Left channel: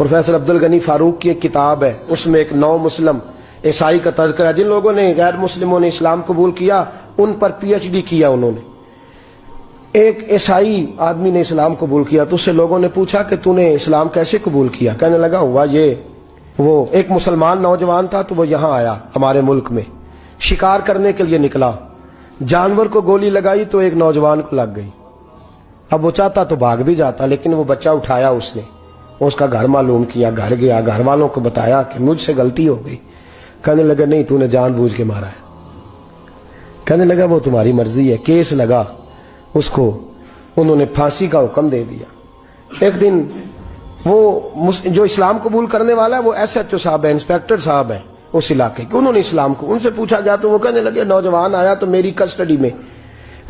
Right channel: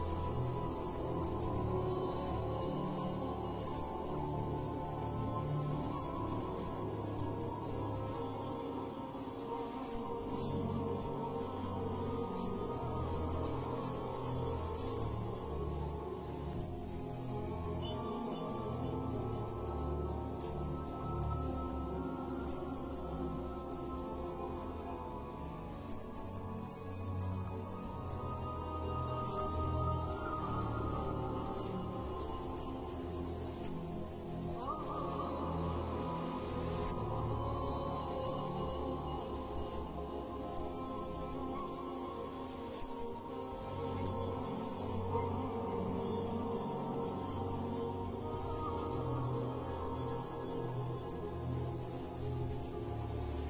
Professor Abdul Ghani Farooq की एक किताब है, उसमें एक नौ मुस्लिम ईसाई का तज़किरा, जिन लोगों ने गैर मुस्लिमों ने इस्लाम कबूल किया उन पर PhD किया उन्होंने। एक ईसाई आदमी ने इस्लाम कबूल किया तो उससे लोगों ने पूछा कि तूने इस्लाम कैसे कबूल किया? कहने लगा हुआ ये, वो एक मुसलमान नौजवान था तो वो यहाँ आया हमारे मुल्क में, शिकार करने के लिए निकला, जानवर को गोली लगाई तो एक नौजवान को लग गई। अब वो चाहता तो भाग भी जाता, लेकिन वो बच्चा उठाया उसने, उसका घर मालूम किया, घर गया, घर वालों को बताया कि मुझसे गलती हो गई। कहने लगा नहीं, तूने जानबूझ के मारा है। कहने लगा वो तुम्हारी मर्जी है। केस लगा, उसको उन्होंने फांसी का हुक्म दे दिया। एक दिन वो जो इस्लाम कबूल करने वाला है वो SHO साहब है, इंस्पेक्टर साहब है उस इलाके के, उन्होंने इस्लाम को उनसे पूछा गया तो वो कहने लगे नौजवान आया तो मेरी कस्टडी में,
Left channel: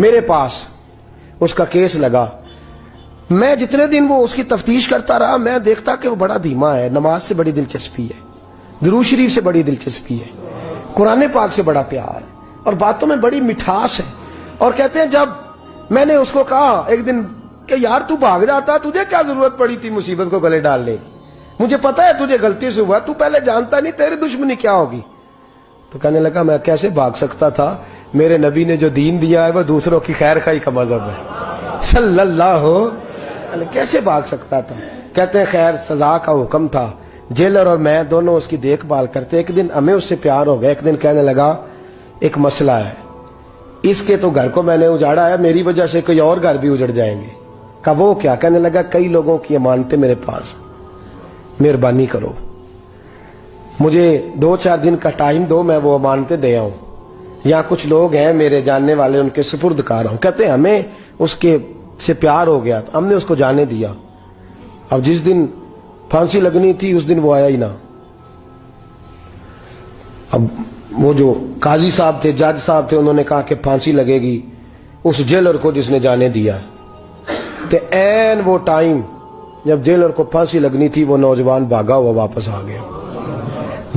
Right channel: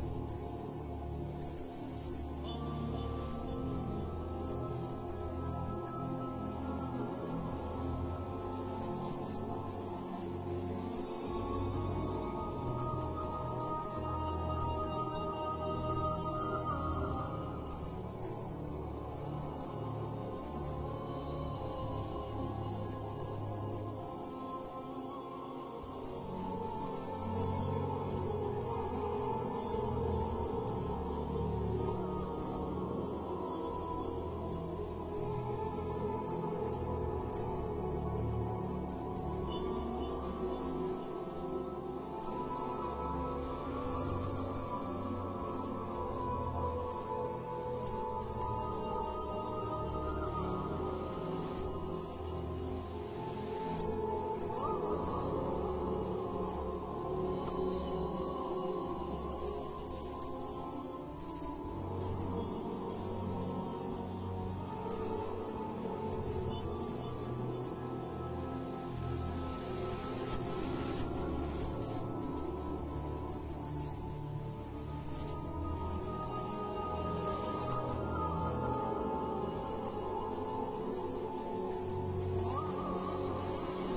मेरे पास उसका केस लगा। मैं जितने दिन वो उसकी तफ्तीश करता रहा, मैं देखता कि वो बड़ा धीमा है, नमाज से बड़ी दिलचस्पी है, दुरूद शरीफ से बड़ी दिलचस्पी है, कुरान पाक से बड़ा प्यार है और बातों में बड़ी मिठास है। और कहते हैं जब मैंने उसको कहा एक दिन कि यार तू भाग जाता, तुझे क्या जरूरत पड़ी थी मुसीबत को गले डालने, मुझे पता है तुझे गलती से हुआ, तू पहले जानता नहीं तेरी दुश्मनी क्या होगी। तो कहने लगा मैं कैसे भाग सकता था, मेरे नबी ने जो दीन दिया है वो दूसरों की खैर खाई का मजहब है सल्लल्लाहु अलैहि, कैसे भाग सकता था। कहते हैं खैर सजा का हुक्म था, जेलर और मैं दोनों उसकी देखभाल करते। एक दिन हमें उससे प्यार हो गया। एक दिन कहने लगा एक मसला है, इसके तो घर को मैंने उजाड़ा है, मेरी वजह से कोई और घर भी उजड़ जाएंगे। कहा वो क्या? कहने लगा कई लोगों की अमानतें मेरे पास, मेहरबानी करो, मुझे 2-4 दिन का टाइम दो, मैं वो अमानतें दे आऊं। यहाँ कुछ लोग हैं मेरे जानने वाले, उनके सुपुर्दकार हूं। कहते हैं हमें उसके से प्यार हो गया तो हमने उसको जाने दिया। अब जिस दिन फांसी लगनी थी उस दिन वो आया ही ना। अब वो जो काजी साहब थे, जज साहब थे, उन्होंने कहा कि फांसी लगेगी उस जेलर को जिसने जाने दिया। तो ऐन वो टाइम जब जेलर को फांसी लगनी थी वो नौजवान भागा हुआ वापस आ गया,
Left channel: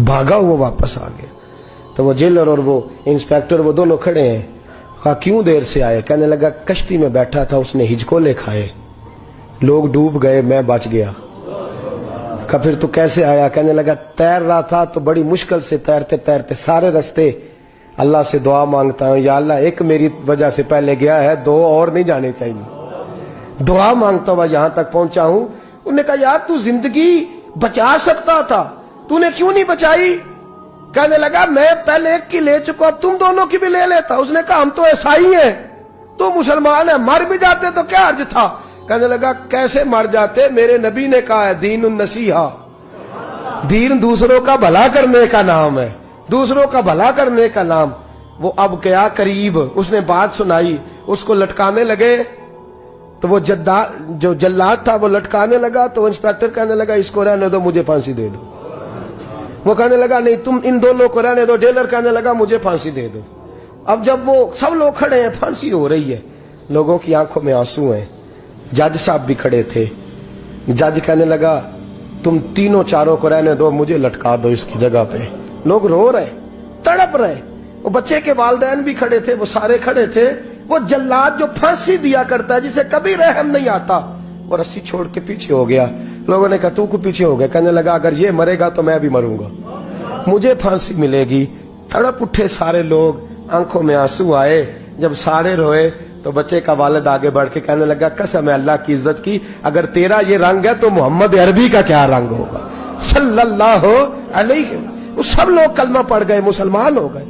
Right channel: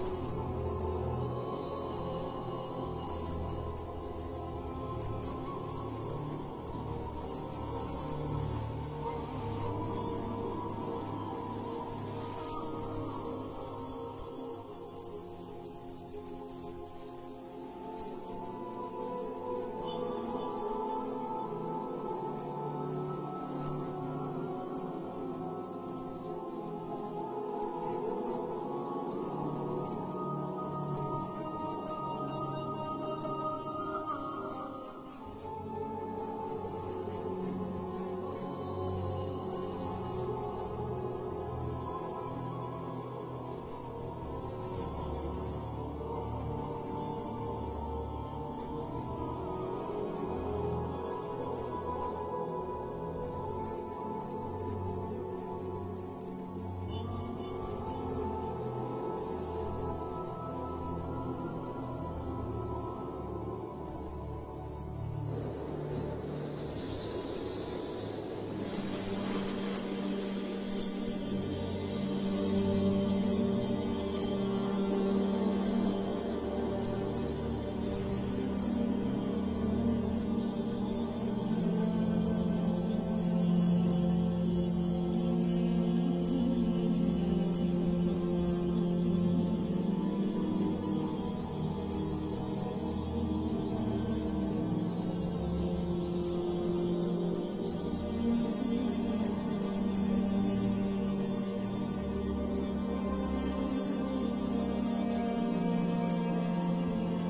भागा हुआ वापस आ गया। तो वो जेलर और वो इंस्पेक्टर वो दोनों खड़े हैं। कहा क्यों देर से आए? कहने लगा कश्ती में बैठा था, उसने हिचकोले खाए, लोग डूब गए, मैं बच गया। कहा फिर तू कैसे आया? कहने लगा तैर रहा था तो बड़ी मुश्किल से तैरते तैरते सारे रास्ते अल्लाह से दुआ मांगता हूं, या अल्लाह एक मेरी वजह से पहले गया है, 2 और नहीं जाने चाहिए, दुआ मांगता हुआ यहां तक पहुंचा हूं। उन्होंने कहा यार तू जिंदगी बचा सकता था, तूने क्यों नहीं बचाई? कहने लगा मैं पहले एक की ले चुका, तुम दोनों की भी ले लेता। उसने कहा हम तो ईसाई हैं, तू मुसलमान है, मर भी जाते तो क्या अर्ज था। कहने लगा कैसे मर जाते, मेरे नबी ने कहा है दीन नसीहा, दीन दूसरों का भला करने का नाम है, दूसरों का भला करने का नाम। वो अब गया करीब, उसने बात सुनाई, उसको लटकाने लगे तो वो जो जल्लाद था वो लटकाने लगा। तो इंस्पेक्टर कहने लगा इसको रहने दो, मुझे फांसी दे दो। वो कहने लगा नहीं तुम इन दोनों को रहने दो। जेलर कहने लगा मुझे फांसी दे दो। अब जब वो सब लोग खड़े हैं, फांसी हो रही है, लोगों की आंखों में आंसू हैं, जज साहब भी खड़े थे। जज कहने लगा तुम तीनों चारों को रहने दो, मुझे लटका दो इसकी जगह पे। लोग रो रहे, तड़प रहे, वो बच्चे के वालिदैन भी खड़े थे, वो सारे खड़े थे। वो जल्लाद जो फांसी दिया करता है, जिसे कभी रहम नहीं आता, वो रस्सी छोड़ के पीछे हो गया। लोगों ने कहा तू को पीछे हो गया? कहने लगा अगर ये मरेगा तो मैं भी मरूंगा, मुझे फांसी मिलेगी। तड़प उठे सारे लोग, आंखों में आंसू आए। जब सारे रोए तो बच्चे का वालिद आगे बढ़ के कहने लगा कसम है अल्लाह की इज्जत की, अगर तेरा ये रंग है तो मोहम्मद अरबी का क्या रंग होगा सल्लल्लाहु अलैहि। सब लोग कलमा पढ़ गए, मुसलमान हो गए।